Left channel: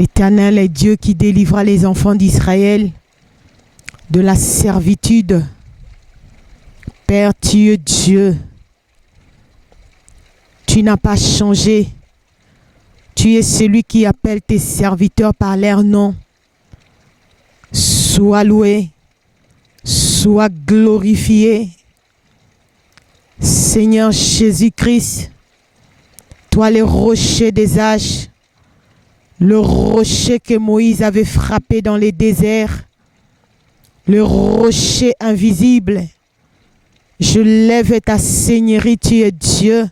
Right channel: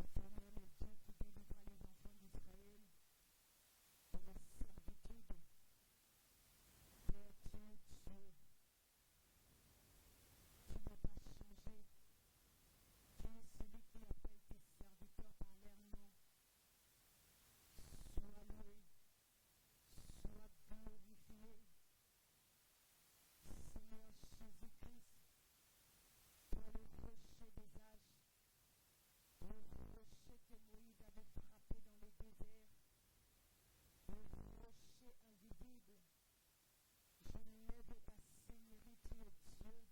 L'Éternel est Dieu qui délivra les enfants d'Israël de la servitude. Père, tu es Dieu. Tu n'as pas changé. Tu es celui qui appelle tes serviteurs par leur nom. Sois loué, sois glorifié. Seigneur Jésus-Christ, toi le rocher des âges, le rocher que Moïse avait frappé dans les déserts, le rocher invisible, je lève ta Seigneurie, tu es Dieu.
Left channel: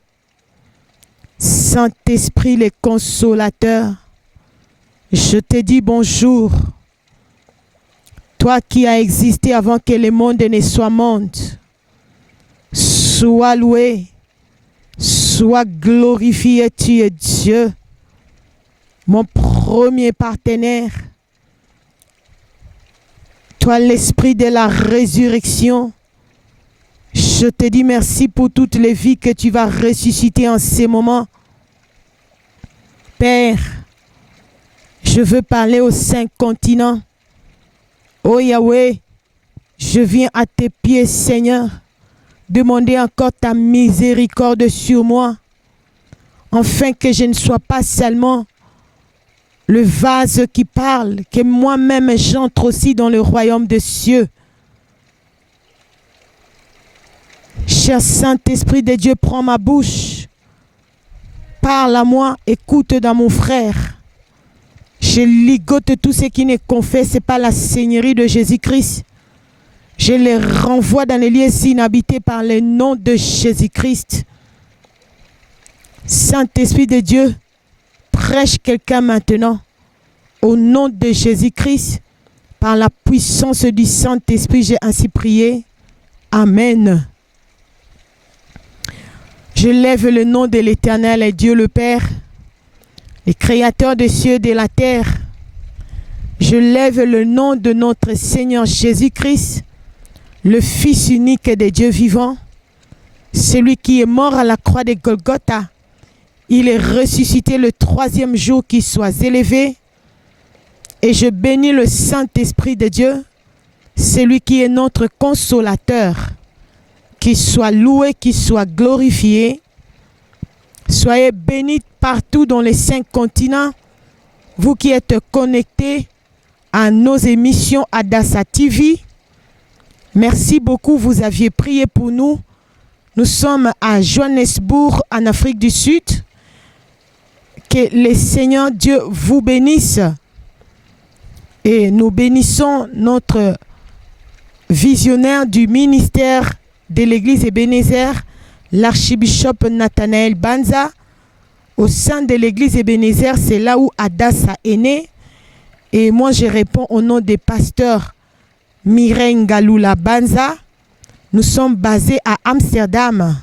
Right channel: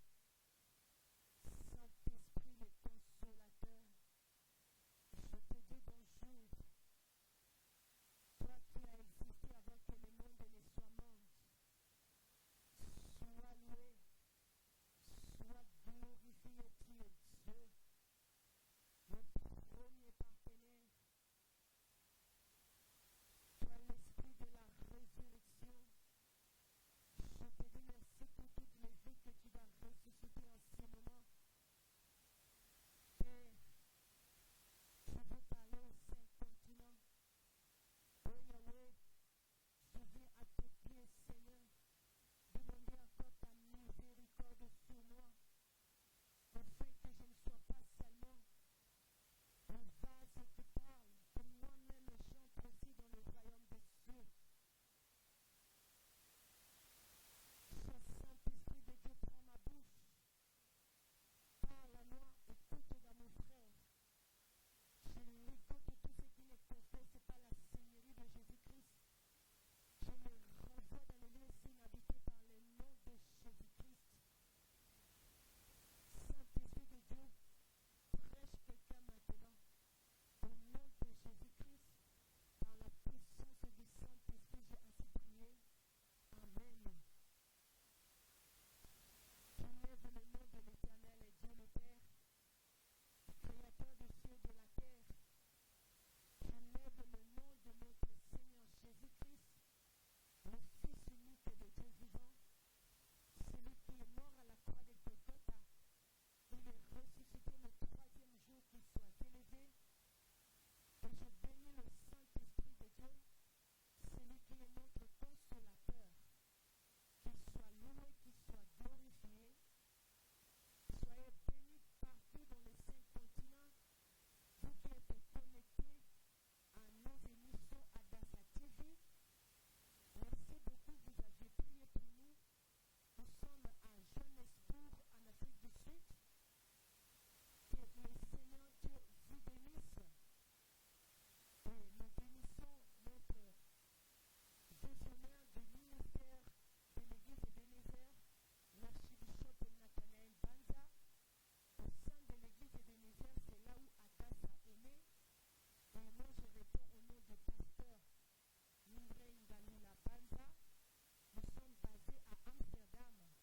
Saint-Esprit, le consolateur, je te dis bonjour. Toi qui as existé avant que le monde ne soit monde, sois loué, sois glorifié, tu es Dieu. Mon premier partenaire, toi l'esprit de la résurrection, je te dis merci pour toutes les vies que tu vas ressusciter en ces moments. Père, je veux parler aux 5 continents. Oh Yahweh, je viens à tes pieds, Seigneur, demander encore ta miséricorde sur moi, afin que je ne sois pas seulement le vase qui parle, que moi-même j'entre aussi dans le royaume des cieux. Cher Saint-Esprit de Dieu, prends ma bouche, parle à moi, écoute dans mon frère. Je ligote tout ce qui ne confesse pas la Seigneurie de Jésus-Christ. Je les renvoie dans les lieux inhabités par le nom de Jésus-Christ. Saint-Esprit de Dieu, prêche quelqu'un maintenant. Au nom de Jésus-Christ, par la puissance du Saint-Esprit, j'ai ainsi prié. Amen. Je lève le nom de l'Éternel et Dieu le Père, le Créateur des cieux et de la terre. Je lève le nom de notre Seigneur Jésus-Christ, le Fils unique de Dieu vivant, celui qui est mort à la croix de Golgotha. Il est ressuscité le 3e jour, qu'il soit élevé. Et je bénis le Saint-Esprit de Dieu, celui qui est notre consolateur. Qu'il soit loué, qu'il soit glorifié. Soyez bénis partout dans les 5 continents, vous qui êtes connectés à nos émissions Adassa TV. Merci beaucoup, vous aviez prié pour nous. Nous sommes à Johannesburg, en Afrique du Sud. Que le Seigneur Dieu vous bénisse. Et nous bénissons notre visionnaire du ministère de l'église Ebenezer, l'archibishop Nathanaël Banza. Au sein de l'église Ebenezer, c'est là où Adassa est né. Et moi, je réponds au nom des pasteurs Mireille Ngalula Banza. Nous sommes basés à Amsterdam.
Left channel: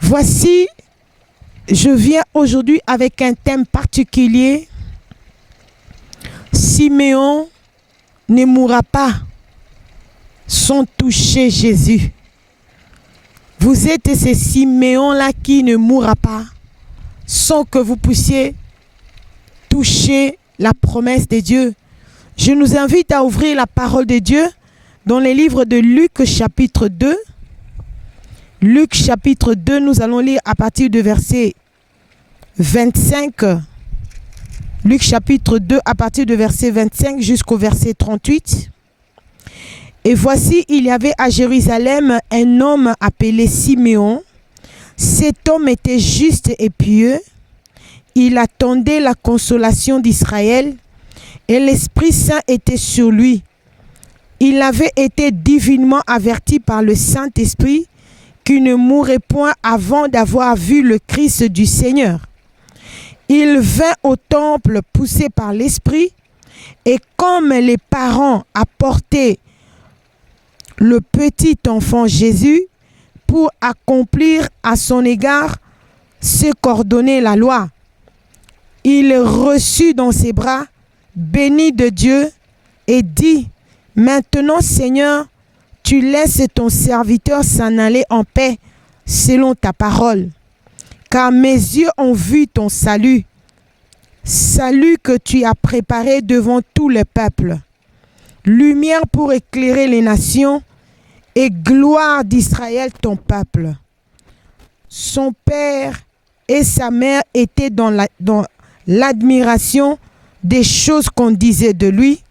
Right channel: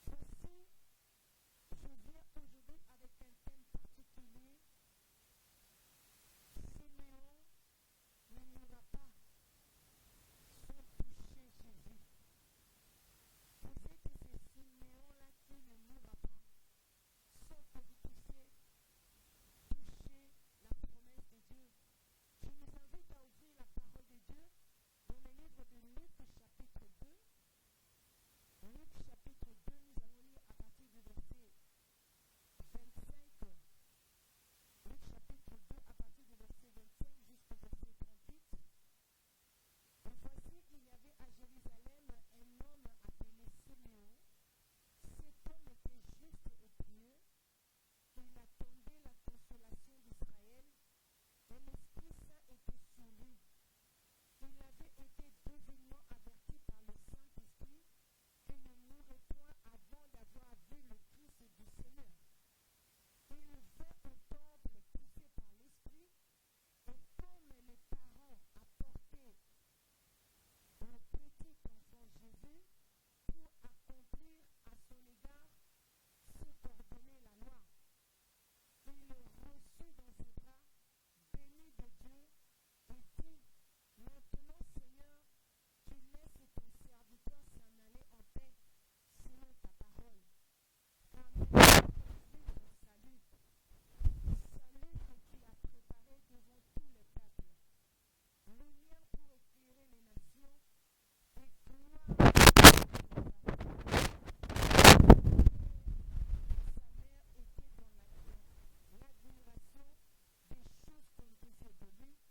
Voici, je viens aujourd'hui avec un thème particulier. Siméon ne mourra pas sans toucher Jésus. Vous êtes ces Siméon-là qui ne mourra pas sans que vous puissiez toucher la promesse de Dieu. Je nous invite à ouvrir la parole de Dieu dans les livres de Luc chapitre 2. Luc chapitre 2, nous allons lire à partir du verset 25. Luc chapitre 2 à partir du verset 25 jusqu'au verset 38. Et voici, il y avait à Jérusalem un homme appelé Siméon. Cet homme était juste et pieux. Il attendait la consolation d'Israël et l'Esprit Saint était sur lui. Il avait été divinement averti par le Saint-Esprit qu'il ne mourrait point avant d'avoir vu le Christ du Seigneur. Il vint au temple poussé par l'Esprit, et comme les parents apportaient le petit enfant Jésus pour accomplir à son égard ce qu'ordonnait la loi, il reçut dans ses bras, béni de Dieu, et dit, « Maintenant, Seigneur, tu laisses ton serviteur s'en aller en paix selon ta parole. Car mes yeux ont vu ton salut, salut que tu as préparé devant tous les peuples, lumière pour éclairer les nations et gloire d'Israël ton peuple. Son père et sa mère étaient dans l'admiration des choses qu'on disait de lui.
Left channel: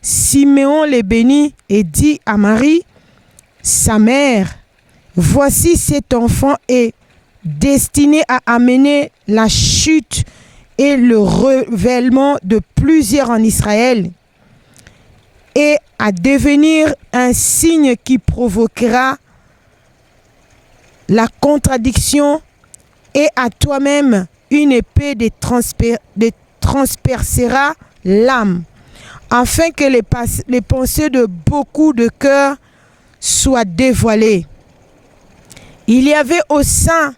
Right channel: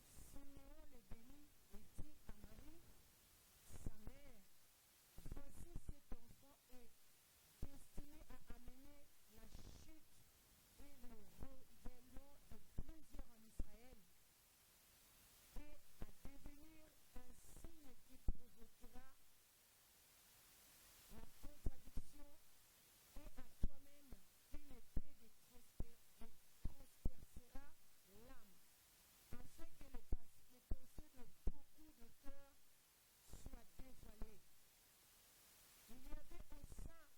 Siméon les bénit et dit à Marie, sa mère, voici cet enfant est destiné à amener la chute et le révèlement de plusieurs en Israël et à devenir un signe qui provoquera la contradiction et à toi-même une épée transpercera l'âme, afin que les pensées de beaucoup de cœurs soient dévoilées. Il y avait au sein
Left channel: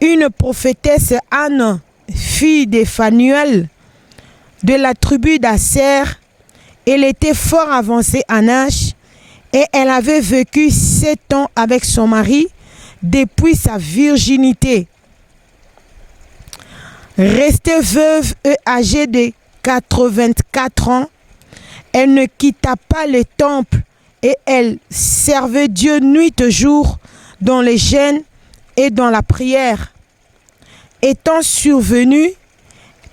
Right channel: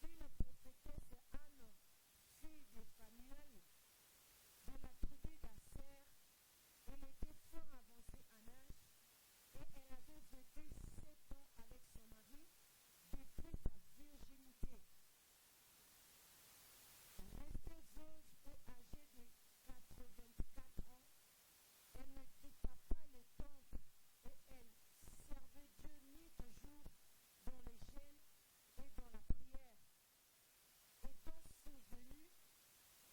une prophétesse Anne, fille de Phanuel, de la tribu d'Aser. Elle était fort avancée en âge et elle avait vécu 7 ans avec son mari depuis sa virginité. Restée veuve et âgée de 84 ans, elle ne quitta pas le temple et elle servait Dieu nuit et jour dans les jeûnes et dans la prière. Étant survenue,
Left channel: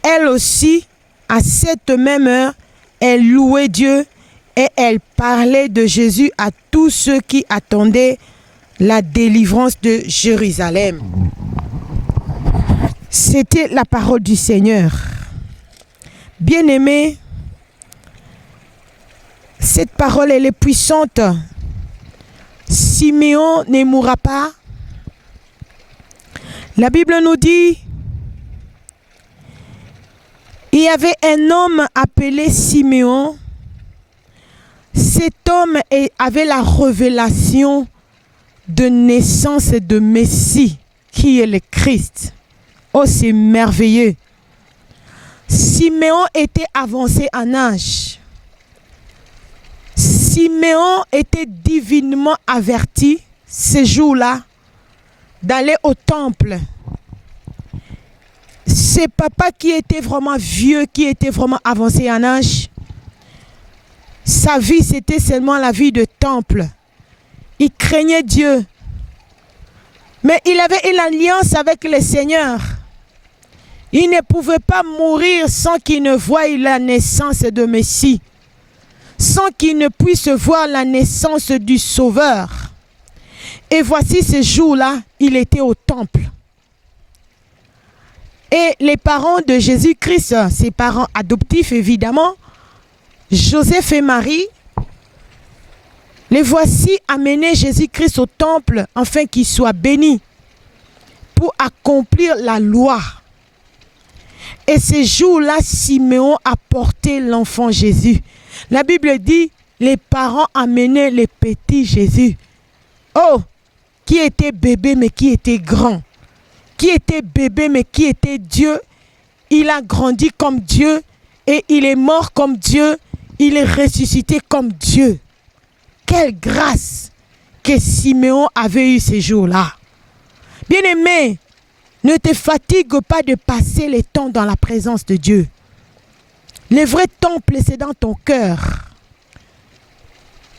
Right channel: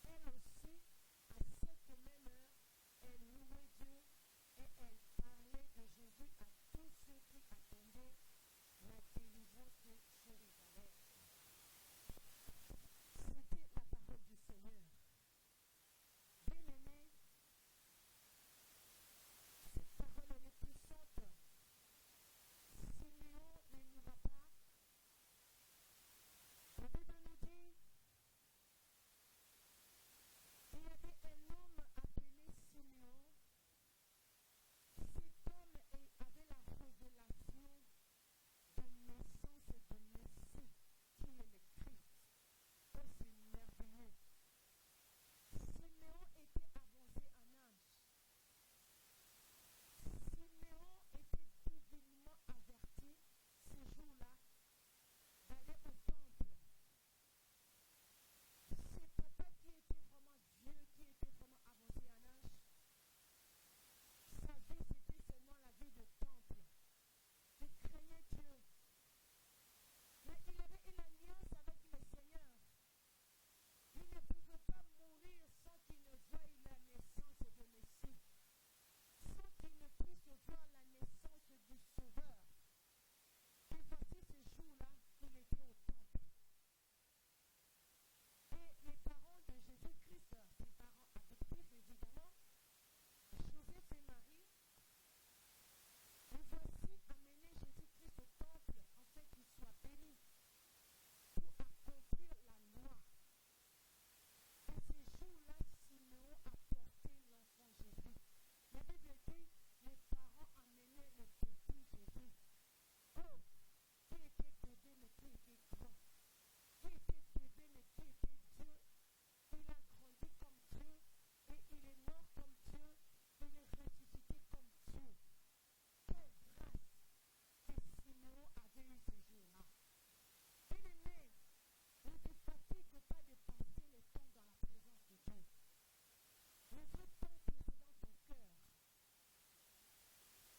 elle aussi, à cette même heure, elle louait Dieu et elle parlait de Jésus à tous ceux qui attendaient la délivrance de Jérusalem. C'était la parole du Seigneur. Bien-aimés, cette parole, elle est puissante. Siméon ne mourra pas. La Bible nous dit, il y avait un homme appelé Siméon. Cet homme avait la révélation de naissance de Messie, qui est le Christ. Oh, c'est merveilleux. Siméon était avancé en âge. Siméon était divinement averti ce jour-là d'aller au temple. C'est papa qui était vraiment vieux, qui était vraiment avancé en âge. Sa vie, c'était seulement la vie de temple. Il craignait Dieu. Mais il avait une alliance avec le Seigneur. Il ne pouvait pas mourir sans qu'il ne voie la naissance de Messie, sans qu'il ne puisse voir la naissance du Sauveur. Et voici ce jour-là, il était au temple. Et les parents de Jésus-Christ, ses parents adoptifs évidemment, Joseph et Marie, les voici amener Jésus-Christ au temple afin qu'il soit béni pour accomplir la loi. Et ce jour-là, Siméon a porté l'enfant Jésus. La Bible dit, les parents amenaient le petit Jésus. Oh, qui était bébé mais qui était grand. Qui était bébé mais qui était Dieu. Il a grandi comme Dieu et il est mort comme Dieu. Il est ressuscité comme Dieu. Quelle grâce que Siméon avait eu ce jour-là. Bien-aimé, ne te fatigue pas de passer le temps dans la présence de Dieu. Le vrai temple, c'est dans ton cœur.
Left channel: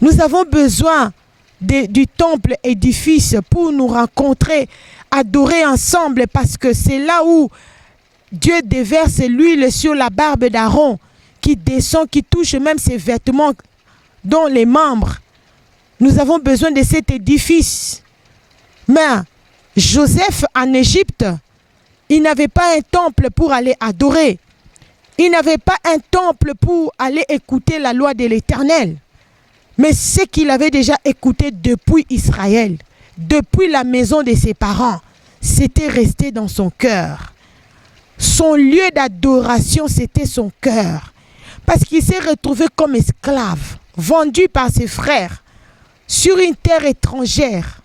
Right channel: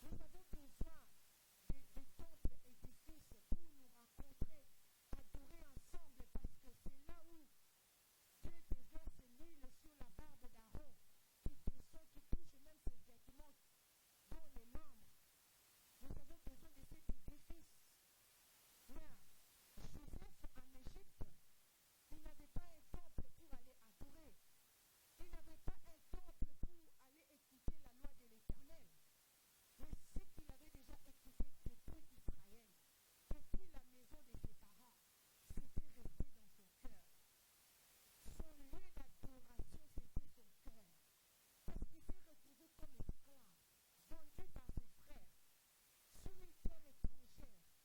Nous avons besoin du temple édifice pour nous rencontrer, adorer ensemble, parce que c'est là où Dieu déverse l'huile sur la barbe d'Aaron, qui descend, qui touche même ses vêtements, dont les membres. Nous avons besoin de cet édifice. Mais Joseph en Égypte, il n'avait pas un temple pour aller adorer. Il n'avait pas un temple pour aller écouter la loi de l'Éternel. Mais ce qu'il avait déjà écouté depuis Israël, depuis la maison de ses parents, c'était resté dans son cœur. Son lieu d'adoration, c'était son cœur. Parce qu'il s'est retrouvé comme esclave, vendu par ses frères, sur une terre étrangère.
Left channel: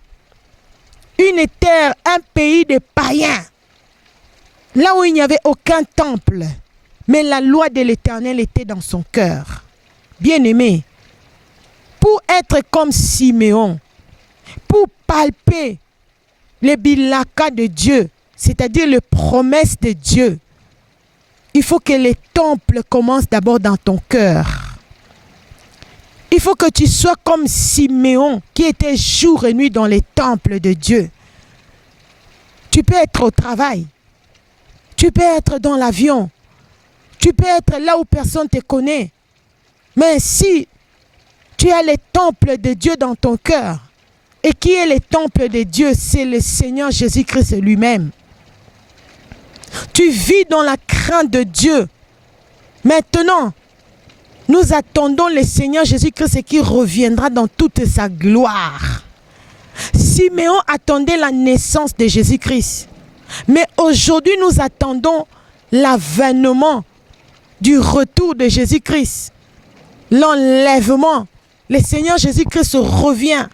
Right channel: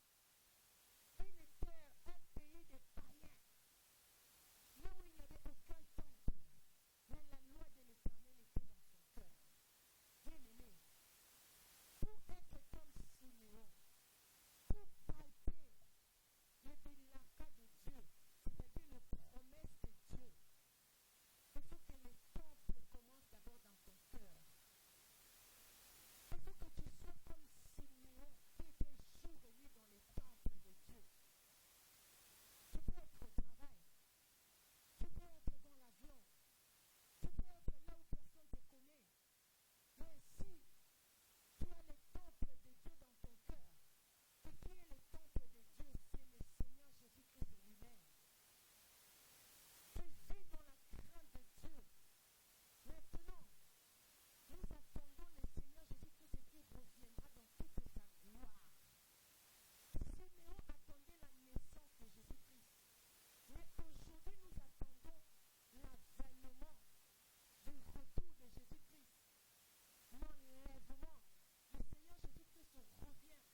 Une terre, un pays de païens. Là où il n'y avait aucun temple. Mais la loi de l'Éternel était dans son cœur. Bien-aimé, pour être comme Siméon, pour palper les bilaka de Dieu, c'est-à-dire les promesses de Dieu, il faut que les temples commencent d'abord dans ton cœur. Il faut que tu sois comme Siméon qui était jour et nuit dans les temples de Dieu. Tu peux être au travail. Tu peux être dans l'avion. Tu peux être là où personne ne te connaît. Mais si tu as les temples de Dieu dans ton cœur, et qui est les temples de Dieu? C'est le Seigneur Jésus-Christ lui-même. Tu vis dans la crainte de Dieu. Maintenant, nous attendons le Seigneur Jésus-Christ qui reviendra dans toute sa gloire. Siméon attendait la naissance de Jésus-Christ. Mais aujourd'hui, nous attendons l'avènement du retour de Jésus-Christ. L'enlèvement. Le Seigneur Jésus-Christ revient.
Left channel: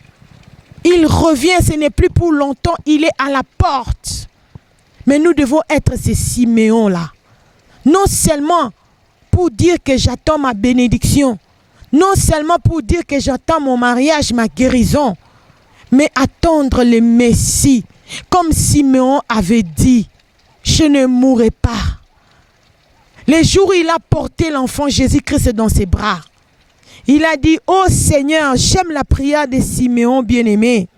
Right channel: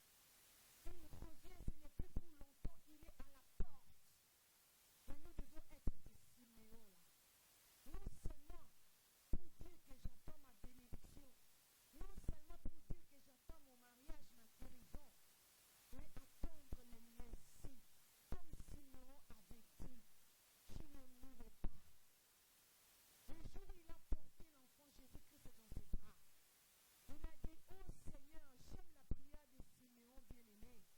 Il revient, ce n'est plus pour longtemps, il est à la porte. Mais nous devons être ces Siméons-là. Non seulement pour dire que j'attends ma bénédiction, non seulement pour dire que j'attends mon mariage, ma guérison, mais attendre le Messie. Comme Siméon avait dit, je ne mourrai pas. Le jour où il a porté l'enfant Jésus-Christ dans ses bras, il a dit, oh Seigneur, j'aime la prière de Siméon bien-aimé.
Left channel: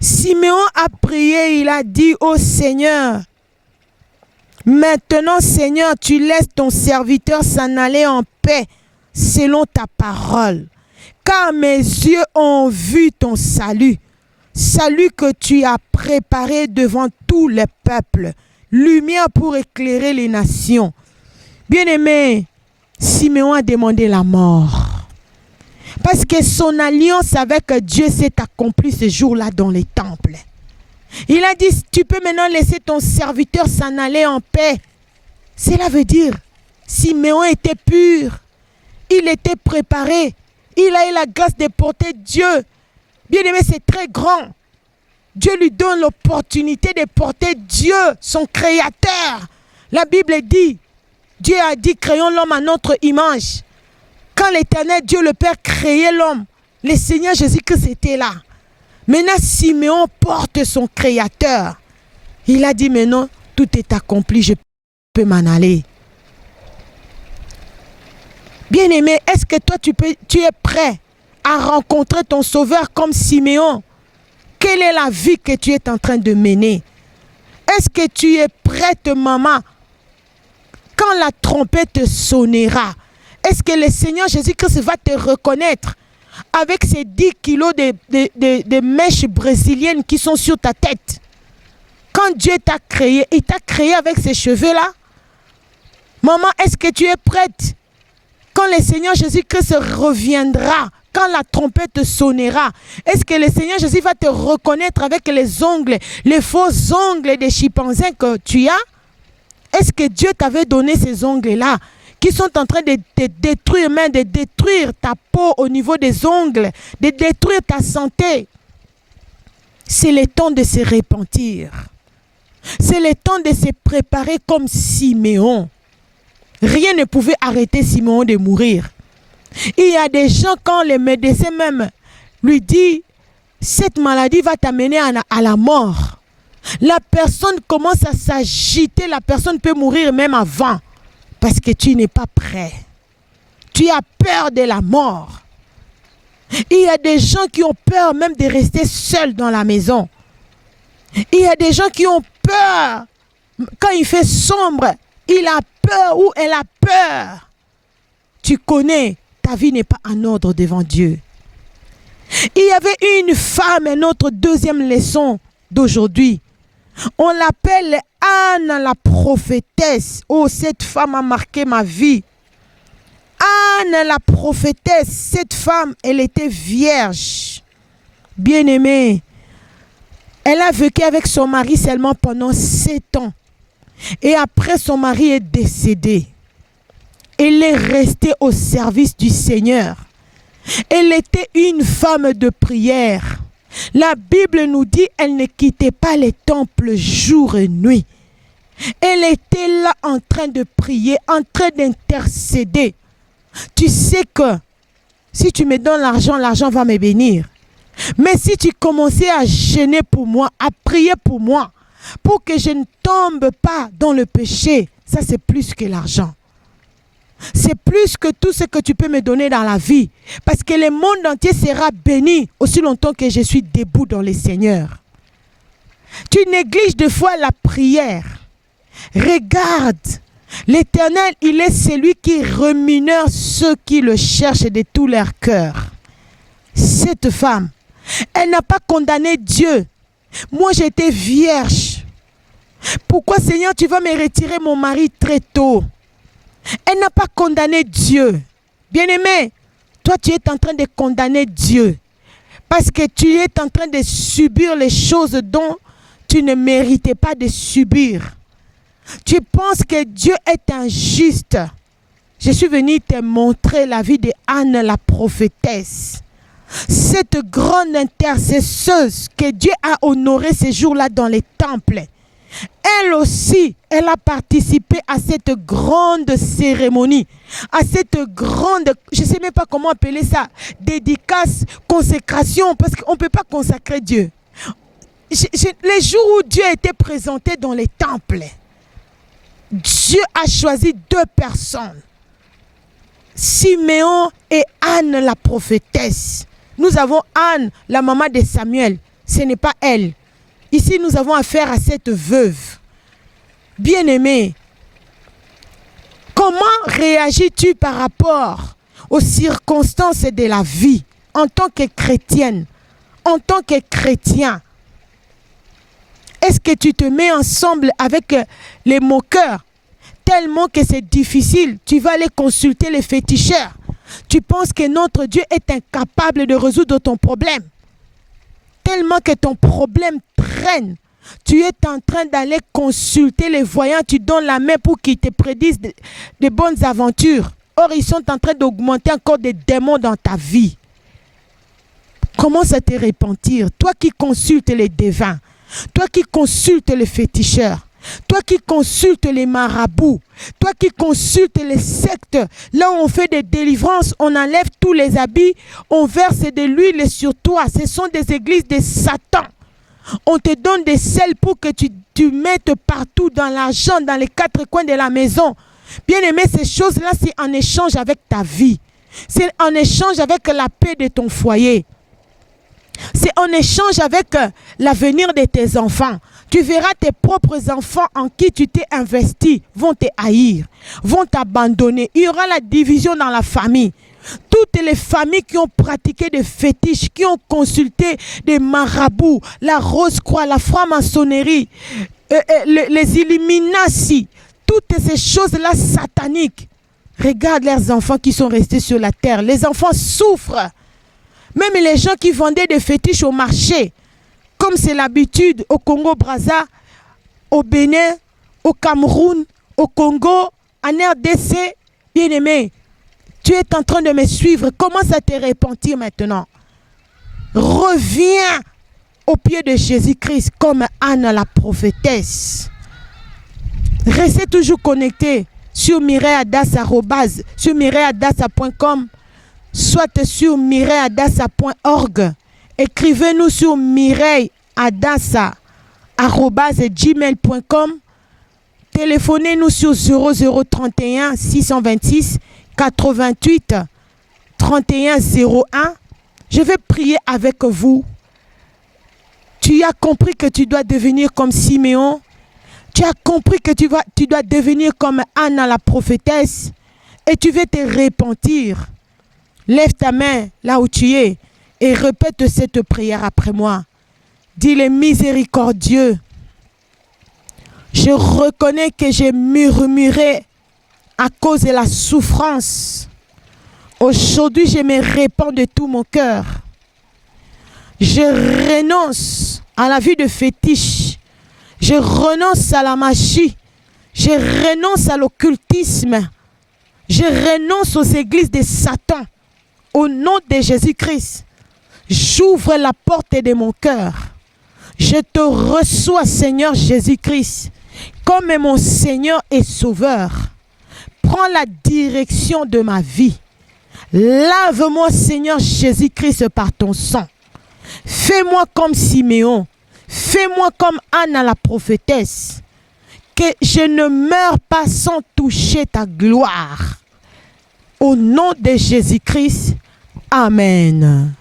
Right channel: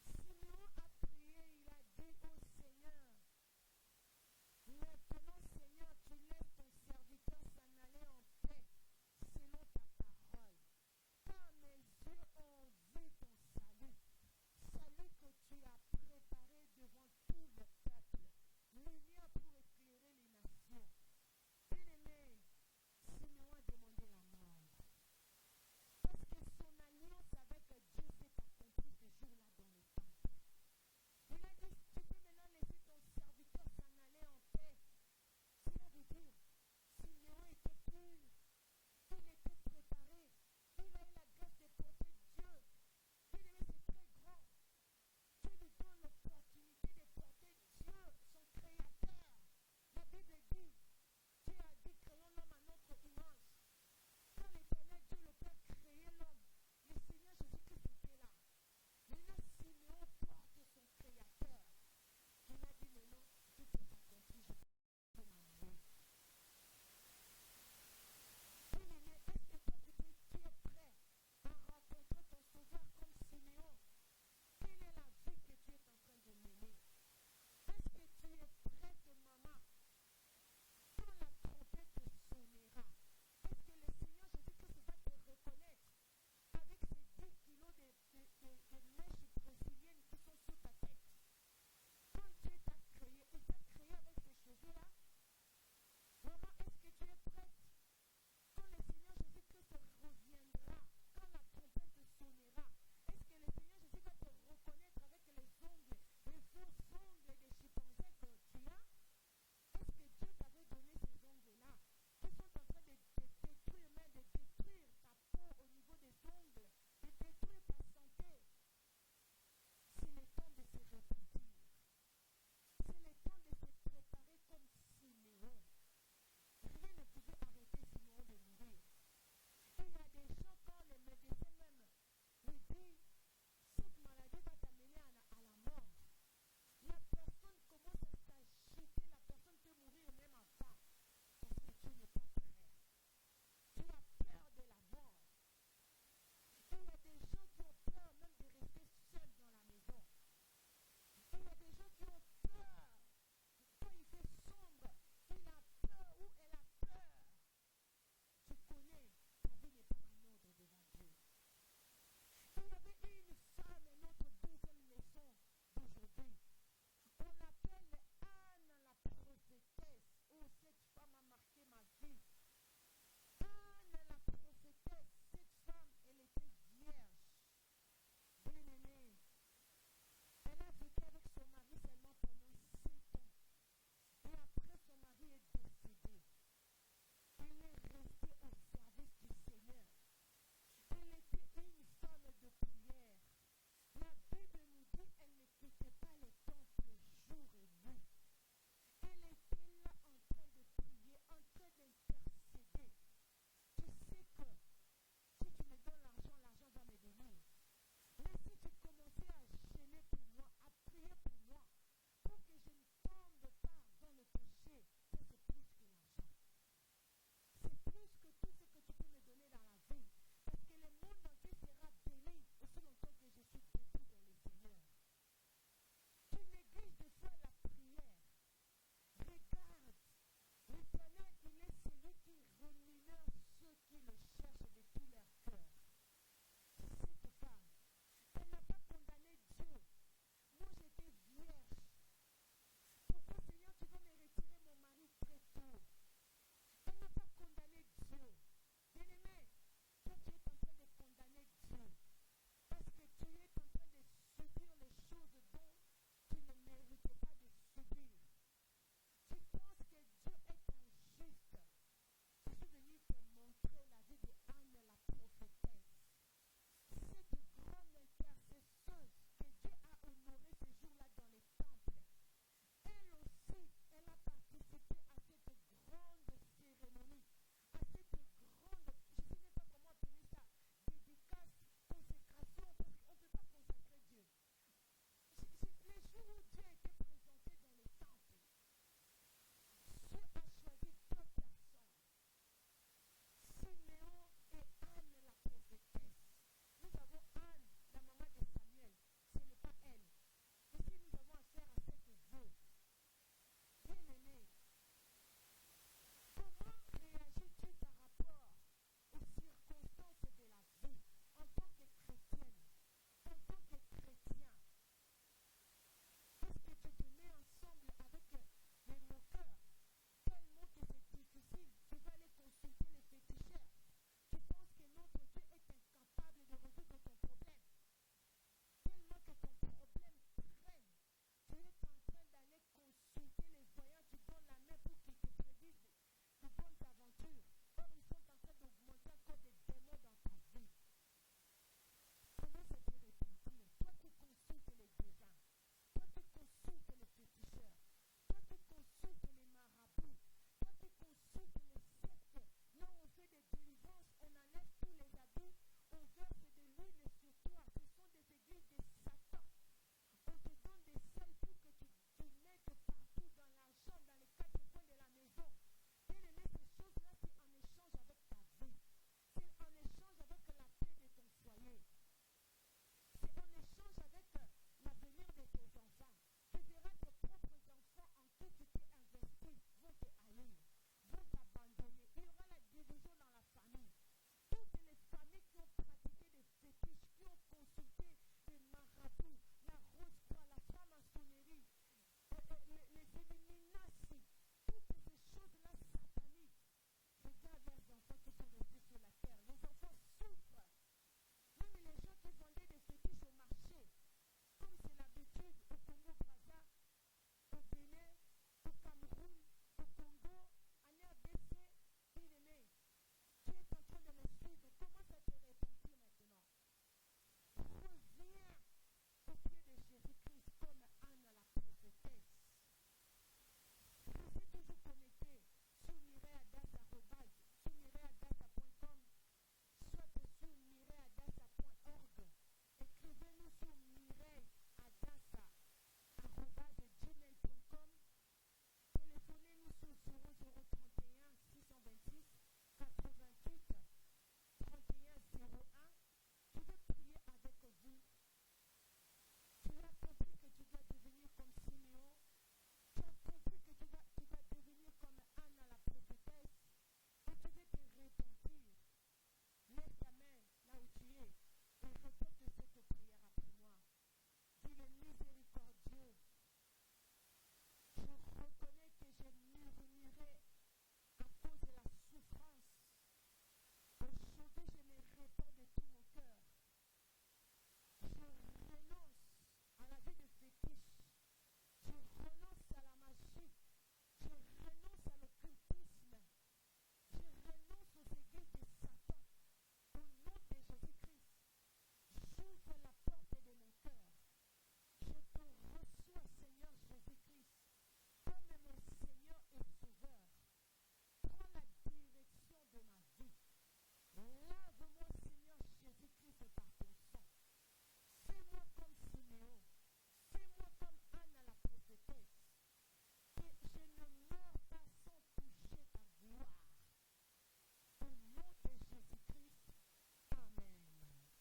Siméon a prié, il a dit, oh Seigneur, maintenant Seigneur, tu laisses ton serviteur s'en aller en paix selon ta parole. Car mes yeux ont vu ton salut, salut que tu as préparé devant tous les peuples, lumière pour éclairer les nations. Bien-aimé, Siméon a demandé la mort. Parce que son alliance avec Dieu s'est accomplie ce jour-là dans les temples. Il a dit, tu peux maintenant laisser ton serviteur s'en aller en paix. Cela veut dire, Siméon était pur. Il était préparé. Il a eu la grâce de porter Dieu. Bien-aimé, c'est très grand. Dieu lui donne l'opportunité de porter Dieu, son créateur. La Bible dit, Dieu a dit, créons l'homme à notre image. Quand l'Éternel Dieu le Père créait l'homme, le Seigneur Jésus-Christ était là. Maintenant, Siméon porte son Créateur. Il a dit, maintenant, tout est accompli, je peux m'en aller. Bien-aimé, est-ce que toi, tu es prêt à rencontrer ton Sauveur comme Siméon? Quelle est la vie que tu es en train de mener? Est-ce que tu es prête, maman, quand la trompette sonnera? Est-ce que le Seigneur Jésus-Christ va te reconnaître avec ces 10 kilos de mèches brésiliennes qui sont sur ta tête? Quand Dieu t'a créé, il t'a créé avec ces cheveux-là. Maman, est-ce que tu es prête? Quand le Seigneur Jésus-Christ reviendra, quand la trompette sonnera, est-ce que le Seigneur Jésus va te reconnaître avec les ongles, les faux ongles des chimpanzés que tu as? Est-ce que Dieu t'avait donné ces ongles-là qui sont en train de te détruire, même de détruire ta peau au niveau des ongles, de détruire ta santé? C'est le temps de se repentir. C'est le temps de se préparer comme Siméon. Rien ne pouvait arrêter Siméon de mourir. Il y a des gens, quand les médecins même lui disent, cette maladie va t'amener à la mort. La personne commence à s'agiter, la personne peut mourir même avant. Parce que tu n'es pas prêt. Tu as peur de la mort. Il y a des gens qui ont peur même de rester seuls dans la maison. Il y a des gens qui ont peur. Quand il fait sombre, il a peur ou elle a peur. Tu connais, ta vie n'est pas en ordre devant Dieu. Il y avait une femme, notre deuxième leçon d'aujourd'hui. On l'appelle Anne la prophétesse. Oh, cette femme a marqué ma vie. Anne la prophétesse, cette femme, elle était vierge. Bien-aimée. Elle a vécu avec son mari seulement pendant 7 ans. Et après, son mari est décédé. Elle est restée au service du Seigneur. Elle était une femme de prière. La Bible nous dit qu'elle ne quittait pas les temples jour et nuit. Elle était là en train de prier, en train d'intercéder. Tu sais que si tu me donnes l'argent, l'argent va me bénir. Mais si tu commençais à jeûner pour moi, à prier pour moi, pour que je ne tombe pas dans le péché, ça c'est plus que l'argent. C'est plus que tout ce que tu peux me donner dans la vie. Parce que le monde entier sera béni aussi longtemps que je suis debout dans le Seigneur. Tu négliges des fois la prière. Regarde, l'Éternel, il est celui qui rémunère ceux qui le cherchent de tout leur cœur. Cette femme, elle n'a pas condamné Dieu. Moi, j'étais vierge. Pourquoi, Seigneur, tu vas me retirer mon mari très tôt? Elle n'a pas condamné Dieu. Bien-aimé, toi, tu es en train de condamner Dieu. Parce que tu es en train de subir les choses dont tu ne méritais pas de subir. Tu penses que Dieu est injuste. Je suis venue te montrer la vie de Anne la prophétesse. Cette grande intercesseuse que Dieu a honorée ce jour-là dans les temples. Elle aussi, elle a participé à cette grande cérémonie, à cette grande, je ne sais même pas comment appeler ça, dédicace, consécration, parce qu'on ne peut pas consacrer Dieu. Les jours où Dieu a été présenté dans les temples, Dieu a choisi deux personnes, Siméon et Anne la prophétesse. Nous avons Anne, la maman de Samuel, ce n'est pas elle. Ici, nous avons affaire à cette veuve. Bien-aimée, comment réagis-tu par rapport aux circonstances de la vie en tant que chrétienne, en tant que chrétien? Est-ce que tu te mets ensemble avec les moqueurs tellement que c'est difficile? Tu vas aller consulter les féticheurs. Tu penses que notre Dieu est incapable de résoudre ton problème. Tellement que ton problème traîne. Tu es en train d'aller consulter les voyants. Tu donnes la main pour qu'ils te prédisent de bonnes aventures. Or, ils sont en train d'augmenter encore des démons dans ta vie. Commence à te repentir. Toi qui consultes les devins. Toi qui consultes les féticheurs. Toi qui consultes les marabouts. Toi qui consultes les sectes. Là où on fait des délivrances, on enlève tous les habits, on verse de l'huile sur toi. Ce sont des églises de Satan. On te donne des sels pour que tu mettes partout dans l'argent, dans les quatre coins de la maison. Bien aimé, ces choses-là, c'est en échange avec ta vie. C'est en échange avec la paix de ton foyer. C'est en échange avec l'avenir de tes enfants. Tu verras tes propres enfants en qui tu t'es investi vont te haïr, vont t'abandonner. Il y aura la division dans la famille. Toutes les familles qui ont pratiqué des fétiches, qui ont consulté des marabouts, la Rose-Croix, la franc-maçonnerie, les Illuminati, toutes ces choses-là sataniques. Regarde leurs enfants qui sont restés sur la terre. Les enfants souffrent. Même les gens qui vendaient des fétiches au marché, comme c'est l'habitude au Congo-Brazza, au Bénin, au Cameroun, au Congo, en RDC, bien-aimé, tu es en train de me suivre. Commence à te repentir maintenant. Reviens au pied de Jésus-Christ comme Anne la prophétesse. Restez toujours connectés sur mireilleadassa.com, soit sur mireilleadassa.org. Écrivez-nous sur mireilleadassa@gmail.com. Téléphonez-nous sur 0031 626 88 31 01. Je vais prier avec vous. Tu as compris que tu dois devenir comme Siméon. Tu as compris que tu dois devenir comme Anne la prophétesse. Et tu veux te repentir. Lève ta main là où tu es et répète cette prière après moi. Dis-le miséricordieux. Je reconnais que j'ai murmuré à cause de la souffrance. Aujourd'hui, je me répands de tout mon cœur. Je renonce à la vie de fétiche. Je renonce à la magie. Je renonce à l'occultisme. Je renonce aux églises de Satan. Au nom de Jésus-Christ, j'ouvre la porte de mon cœur. Je te reçois, Seigneur Jésus-Christ, comme mon Seigneur et Sauveur. Prends la direction de ma vie. Lave-moi, Seigneur Jésus-Christ, par ton sang. Fais-moi comme Siméon. Fais-moi comme Anne la prophétesse. que je ne meurs pas sans toucher ta gloire. Au nom de Jésus-Christ, Amen.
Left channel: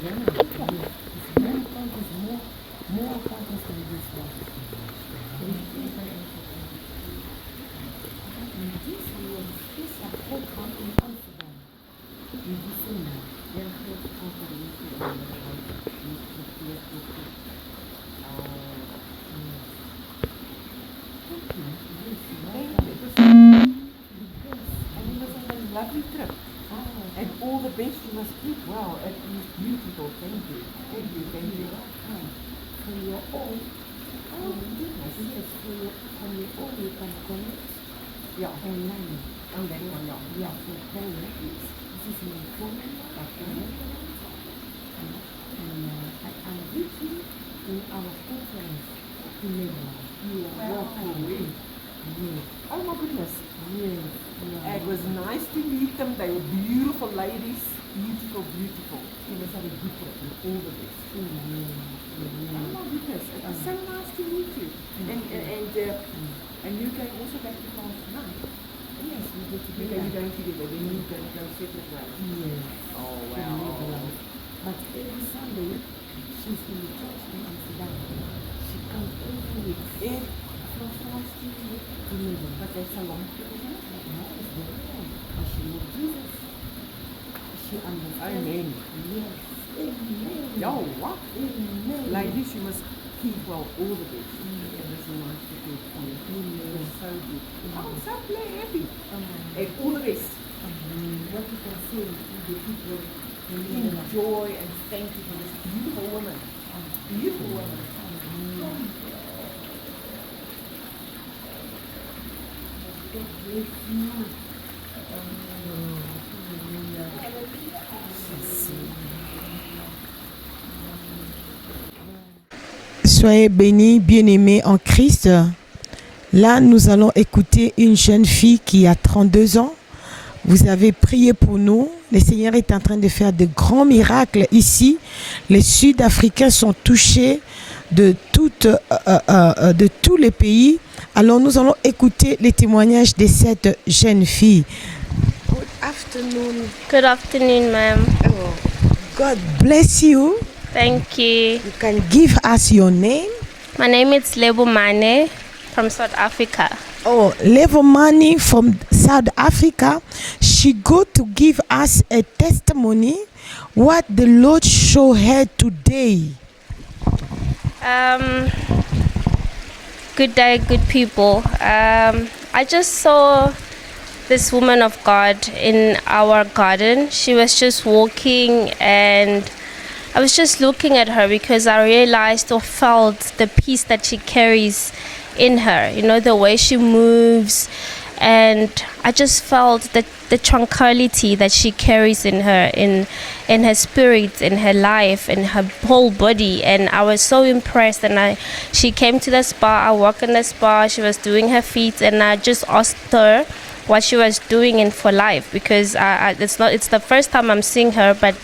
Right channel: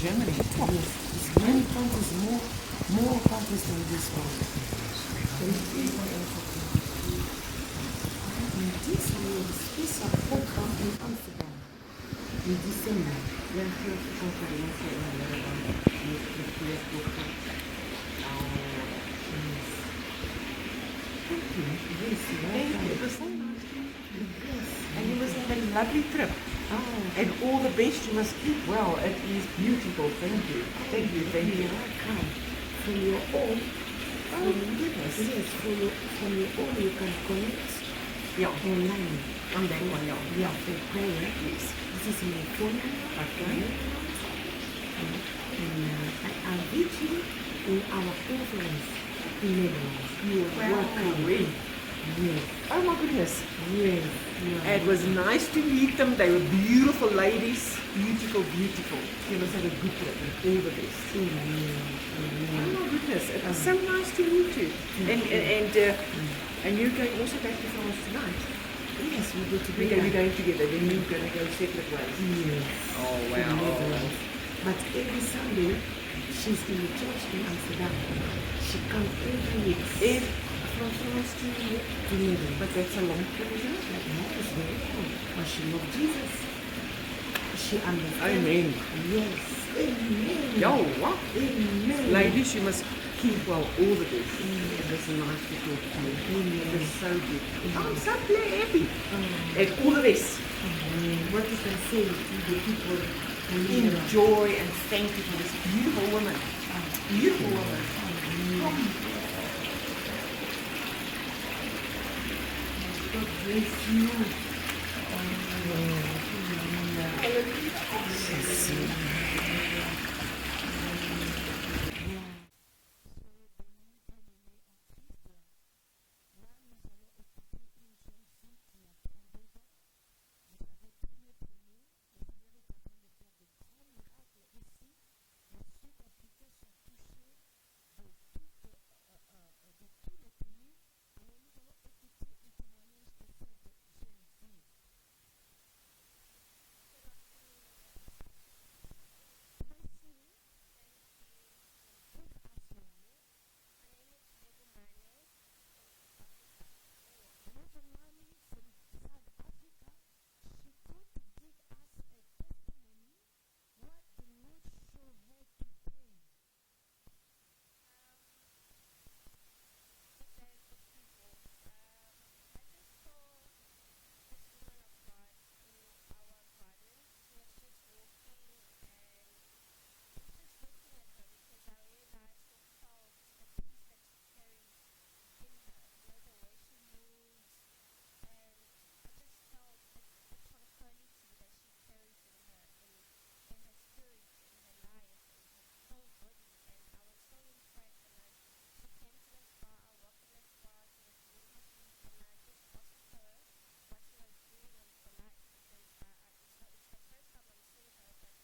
Germany. Oh, yes. Many countries more countries than this one. And this year, the special program in Amsterdam in December. We are here to conference in Thank you. Yes, welcome. And you must have a lovely trip. Oh, And all the best you must keep well. It is beautiful. Thank you. Thank you. Thank you. you're welcome. For your own. Oh, goodness. Yes, from your own you can connect Yeah. online. On that one, yeah. Yeah, for prayer. Yes. This is my phone number. Okay. And I'll meet you in our conference in Netherlands. You are welcome. Really? Yes, Oh my goodness. yes. You are It was nice to meet them. They were beautiful ladies. Beautiful, beautiful. You must have a good trip and all the best. Amen. Oh Amen. my goodness. It was so nice to meet you. And you're going also back to France tonight. Yes, we go We're together. going together. Then you're going to go separate ways. Yes. Oh to wow. Netherlands. But every Sunday, she's in the church in Amsterdam. She comes every week. If from France to Netherlands. but that's a long trip, isn't it? No, it's very cool. But she loves Jesus. She understands. Amen. Yes. Amen. Yo, what? Amen. Ladies, you must keep well all the best. It was nice to talk to you. Amen. It was so good. I'm so happy. Amen. And all the best. What you can say to the people who live in Enjoy and thank you for this beautiful woman. Beautiful woman. God bless you. Soyez bénis, bien-aimés en Christ. Là, nous allons écouter une jeune fille qui a 32 ans. Vous avez prié pour nous. Le Seigneur est en train de faire de grands miracles ici. Les Sud-Africains sont touchés de tous les pays. Alors, nous allons écouter les témoignages de cette jeune fille. Good afternoon. Good afternoon, ma'am. God bless you. Thank you. You can give us your name. My name is Lebo Mane from South Africa. Oh, Levomani from South Africa. She go to give us a testimony what the Lord showed her today. Good day, good people. I just saw this woman of God in our garden. She was just walking, and I was just looking at her because I realized or felt the peace that she carries in her, you know, the way she moves, and I just felt the tranquility that she carries in her, in her spirit, in her life, in her whole body. And I was so impressed, and she came to the spa. I walked in the spa, she was doing her feet, and I just asked her what she was doing in for life, because it's the first time I'm seeing her, but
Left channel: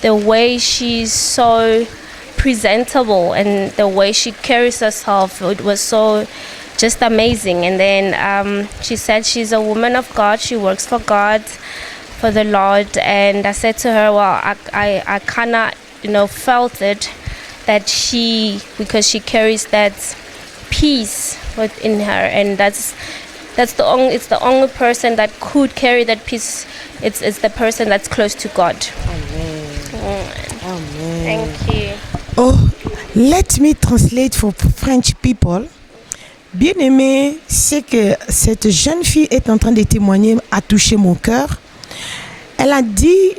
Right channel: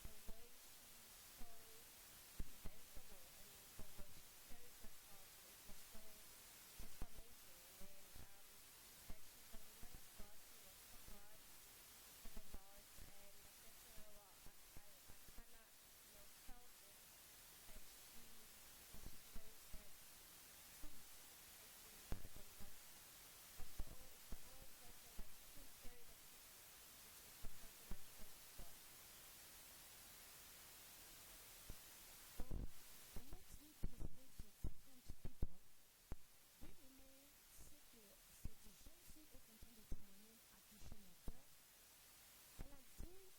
the way she's so presentable and the way she carries herself, it was so just amazing. And then she said she's a woman of God, she works for God, for the Lord. And I said to her, well, I kind of felt it, that because she carries that peace within her, and it's the only person that could carry that peace. It's the person that's close to God. Amen. Amen. Thank you. Oh, let me translate for French people. Bien-aimé, c'est que cette jeune fille est en train de témoigner, a touché mon cœur. Elle a dit,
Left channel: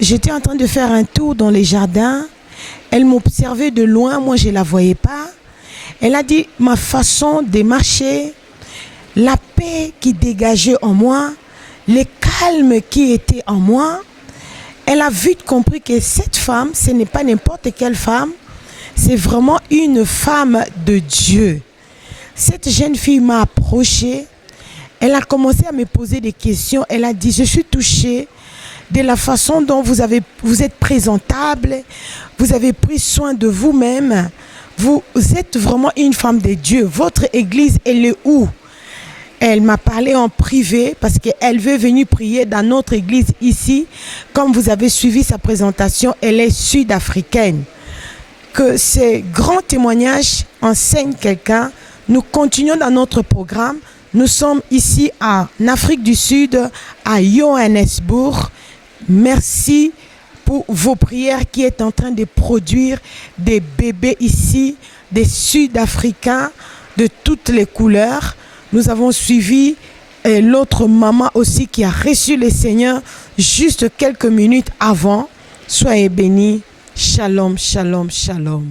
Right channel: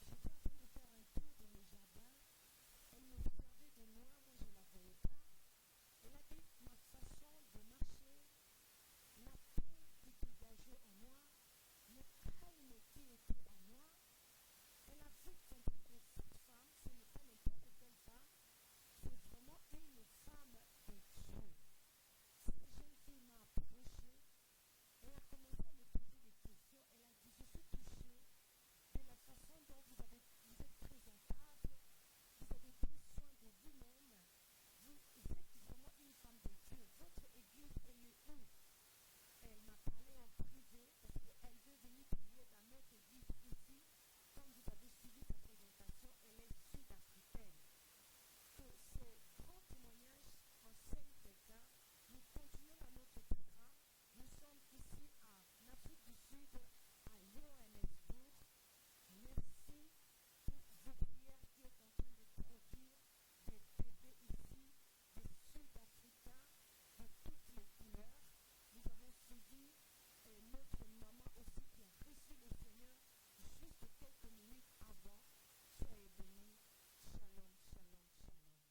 j'étais en train de faire un tour dans les jardins. Elle m'observait de loin, moi je ne la voyais pas. Elle a dit, ma façon de marcher, la paix qui dégageait en moi, le calme qui était en moi. Elle a vite compris que cette femme, ce n'est pas n'importe quelle femme, c'est vraiment une femme de Dieu. Cette jeune fille m'a approchée, elle a commencé à me poser des questions, elle a dit, je suis touchée de la façon dont vous êtes présentable, vous avez pris soin de vous-même. Vous êtes vraiment une femme de Dieu. Votre église, elle est où? Elle m'a parlé en privé parce qu'elle veut venir prier dans notre église ici. Comme vous avez suivi sa présentation, elle est sud-africaine. Que ces grands témoignages enseignent quelqu'un. Nous continuons dans notre programme. Nous sommes ici en Afrique du Sud, à Johannesburg. Merci pour vos prières qui est en train de produire des bébés ici, des Sud-Africains de toutes les couleurs. Nous avons suivi l'autre maman aussi qui a reçu le Seigneur juste quelques minutes avant. Soyez bénis. Shalom, shalom, shalom.